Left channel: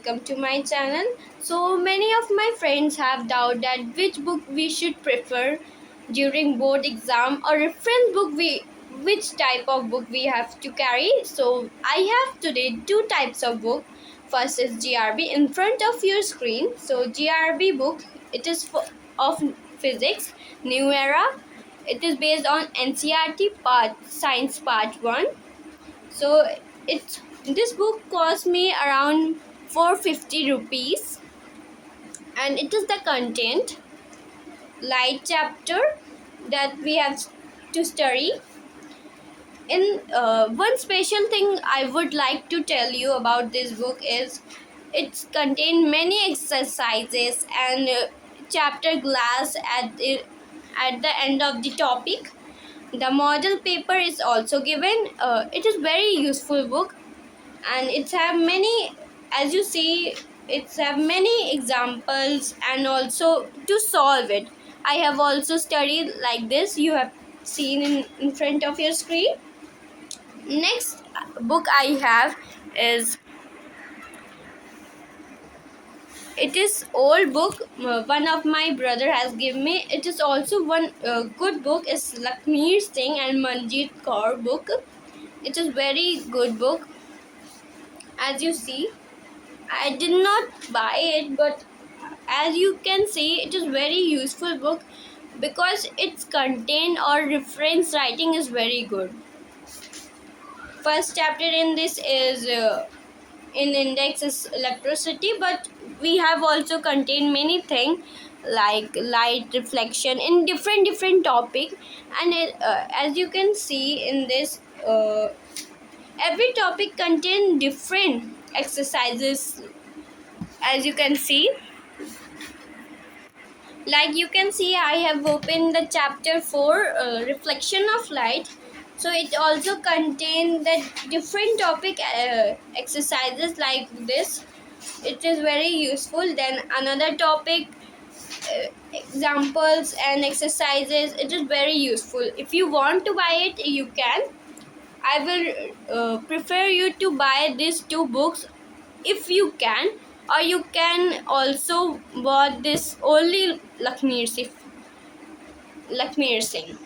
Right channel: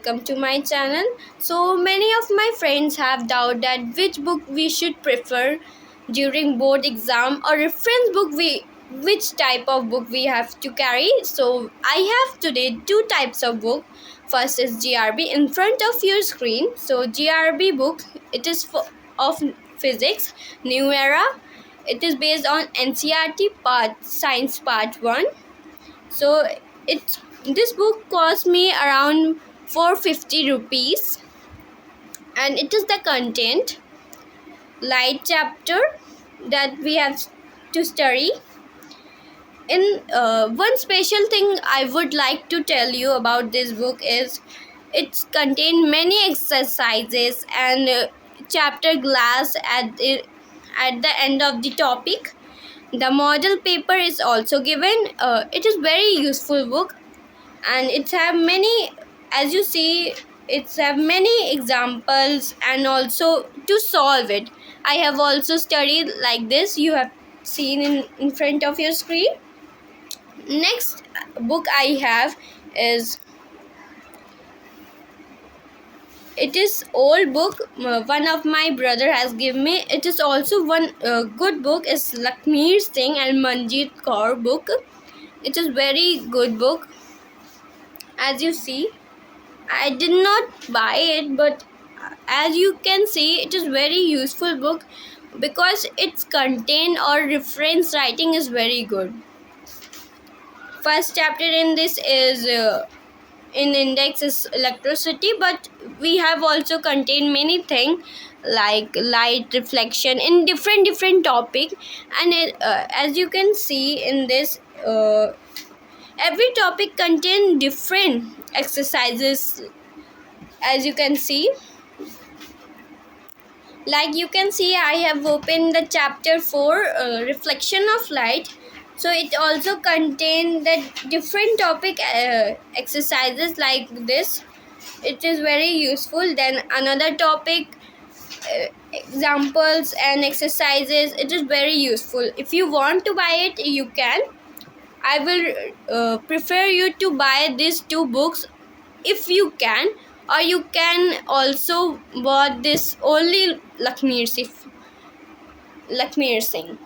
welcome to my channel. So many of my friends have doubt that which book we should prefer during board exam or reference book which type of book we have to carry. So I have today two types of book. First is GRB in front of your screen. So GRB book, it is of physics, new era. It is based on NCERT part science part 1. So it this book cost me around 450 rupees, and it is the content light chapter that we have to study. In one special thing I would like to tell you about this book is it contain many exercises and chapter glass at the end of the topic. The model paper is also given. It is very useful book, and it's have many, as you see, it's have many examples and also to solve it. I have also studied like this, you have seen in front of your screen. Next book I have is, it is old book, one of my brother has given me. It is also one good book is Lakshmi Singh and Manjeet Kaur book. It is very good book. As you see, I did not buy it, but as you can see, it is very useful book because its content or reference writing is very good. First chapter in this is in index is electricity, but we have also contained many things like light reflection in different topic. And as you can see in this, every topic contain different exercises. As you can see, like you can see, I have opened the chapter 4, reflection of light. So it also contain the different topic exercises like this. It is very useful. Then another topic, examples and exercises. It is very useful. If you want to buy it, you can. I will prefer you to buy these two books if you can, or you can also buy this only Lakshmi Singh.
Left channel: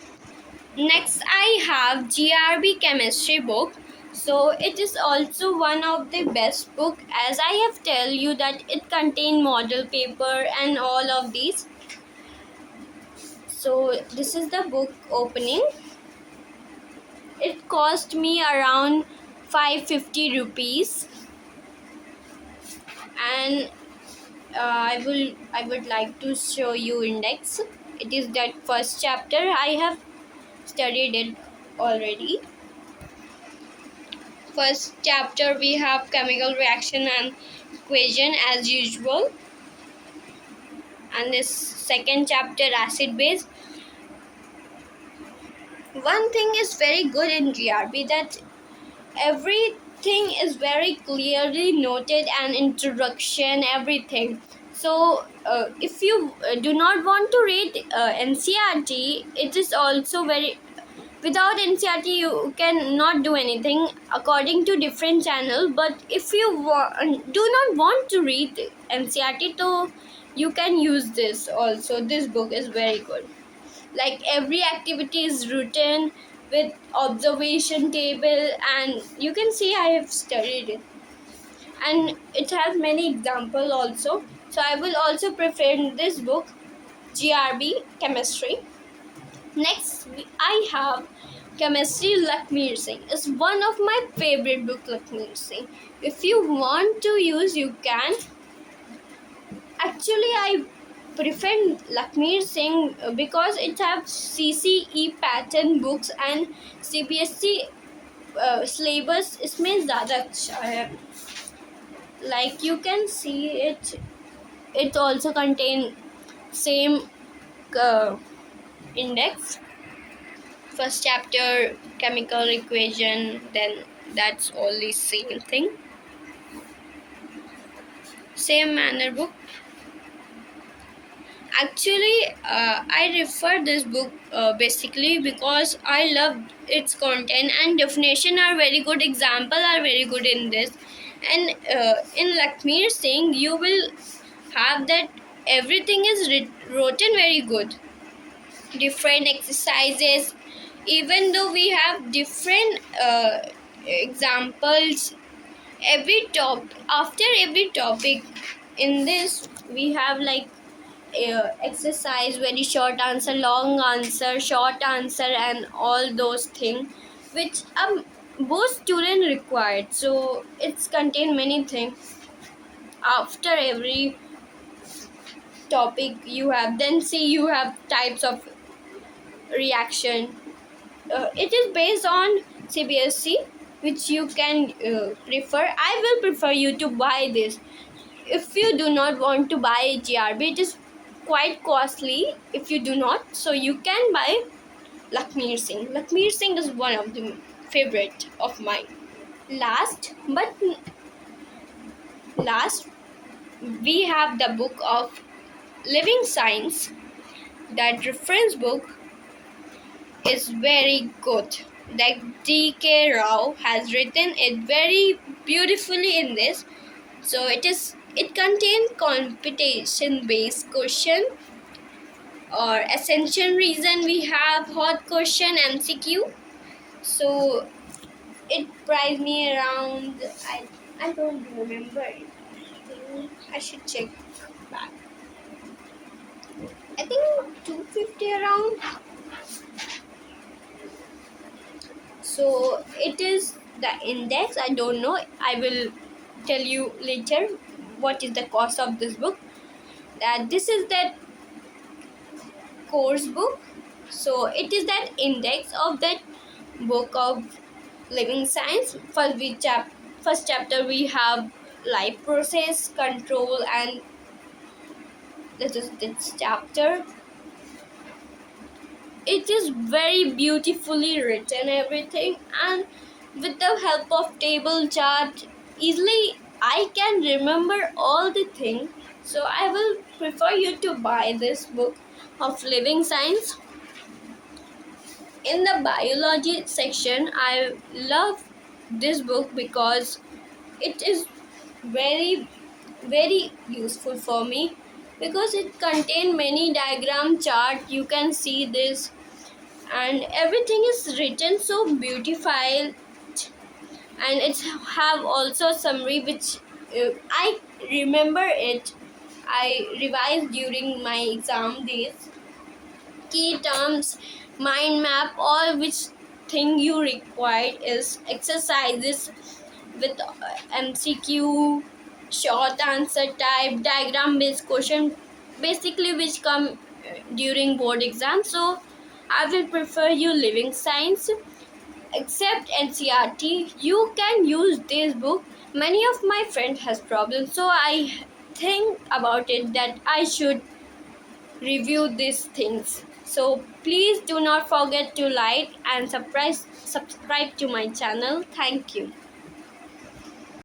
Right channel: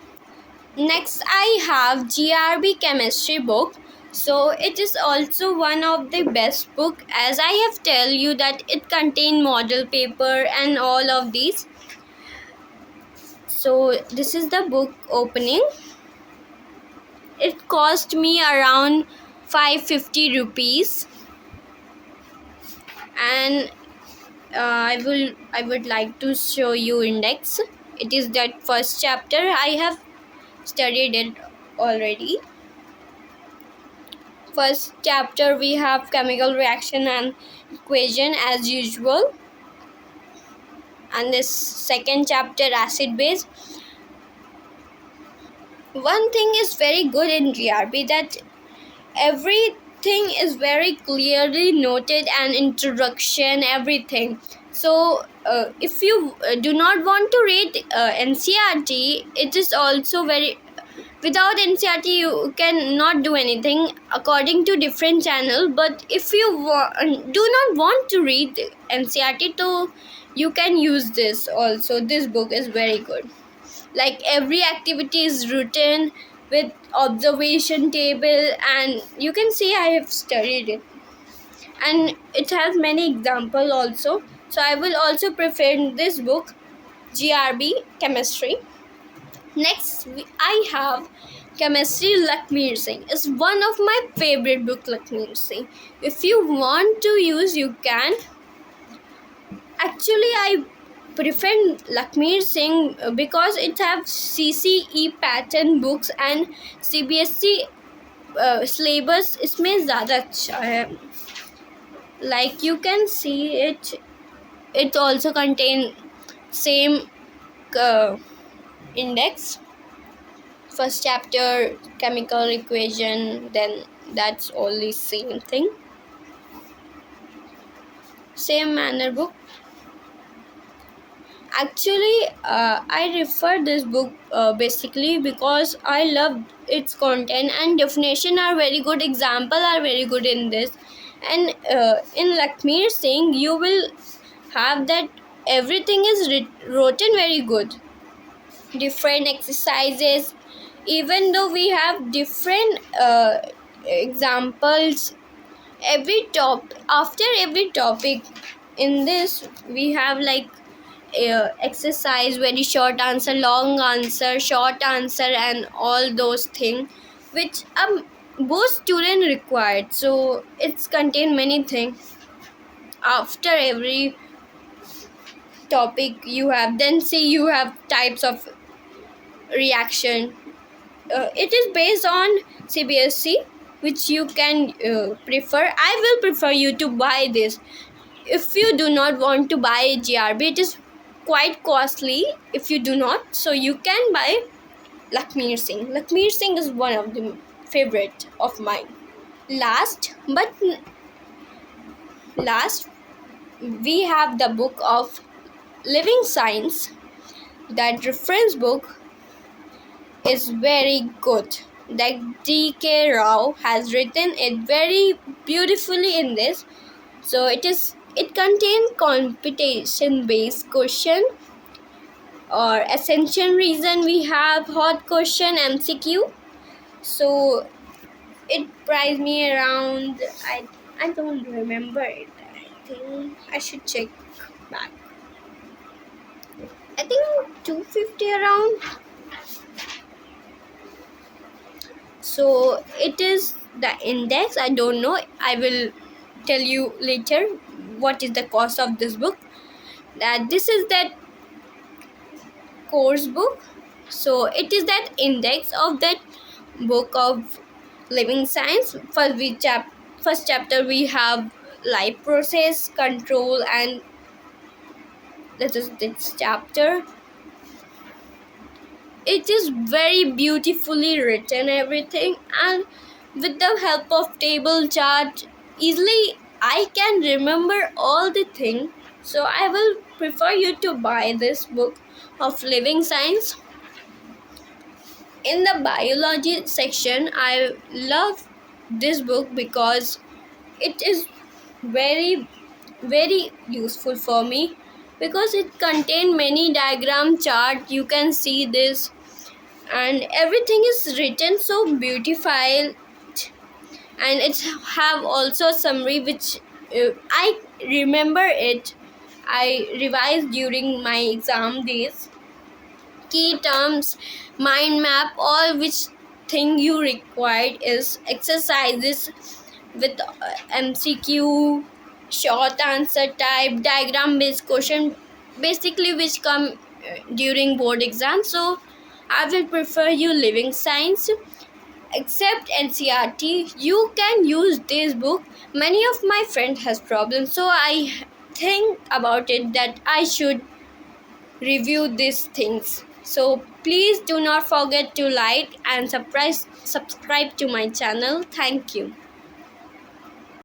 Next I have GRB chemistry book. So it is also one of the best book, as I have tell you that it contain model paper and all of these. So this is the book opening. It cost me around 550 rupees, and I would like to show you index. It is that first chapter. I have studied it already. First chapter we have chemical reaction and equation as usual, and this second chapter acid base. One thing is very good in GRB, that everything is very clearly noted, and introduction, everything. So if you do not want to read NCERT, it is also very, without NCERT you can not do anything according to different channel. But if you do not want to read NCERT, so you can use this also. This book is very good. Like every activity is written with observation table, and you can see I have studied it, and it has many example also. So I will also prefer this book, GRB chemistry. Next I have chemistry Lakshmi Singh. Is one of my favorite book, Lakshmi Singh. If you want to use, you can. Actually I prefer Lakshmi Singh because it have CCE pattern books and CBSE syllabus इसमें ज़्यादा अच्छा है. Like you can see it also contain same index. First chapter chemical equation, then that's only same thing, same manner book. Actually I refer this book basically because I love its content, and definition are very good, example are very good in this, And in Lakshmi Singh, you will have that everything is written very good. Different exercises, even though we have different examples, every top after every topic in this we have like exercise, very short answer, long answer, short answer, and all those things which both student required. So it's contain many things. After every topic you have, then see you have types of reaction. It is based on CBSE, which you can prefer. I will prefer you to buy this. If you do not want to buy GRB, it is quite costly. If you do not, so you can buy Lakshmi Singh. Lakshmi Singh is one of the favorite of mine. Last but last, we have the book of Living Science. That reference book is very good. That D.K. Rao has written it very beautifully in this. So it contains competition based question or ascension reason. We have hot question MCQ. So it priced me around, I don't remember it. I think I should check back. I think 250 around. So it is the index. I don't know. I will tell you later what is the cost of this book. That this is that course book. So it is that index of that book of Living Science. First chapter we have life process control, and that is this chapter. It is very beautifully written everything, and with the help of table chart easily I can remember all the things. So I will prefer you to buy this book of Living Science. In the biology section, I love this book because it is very useful for me, because it contains many diagram chart. You can see this, and everything is written so beautified, and it's have also summary which I remember it. I revised during my exam days. Key terms, mind map, all which thing you required is exercises with MCQ, short answer type, diagram based question, basically which come during board exam. So I will prefer you Living Science. Except NCRT, you can use this book. Many of my friends has problems, so I think about it that I should review these things. So please do not forget to like and subscribe to my channel. Thank you.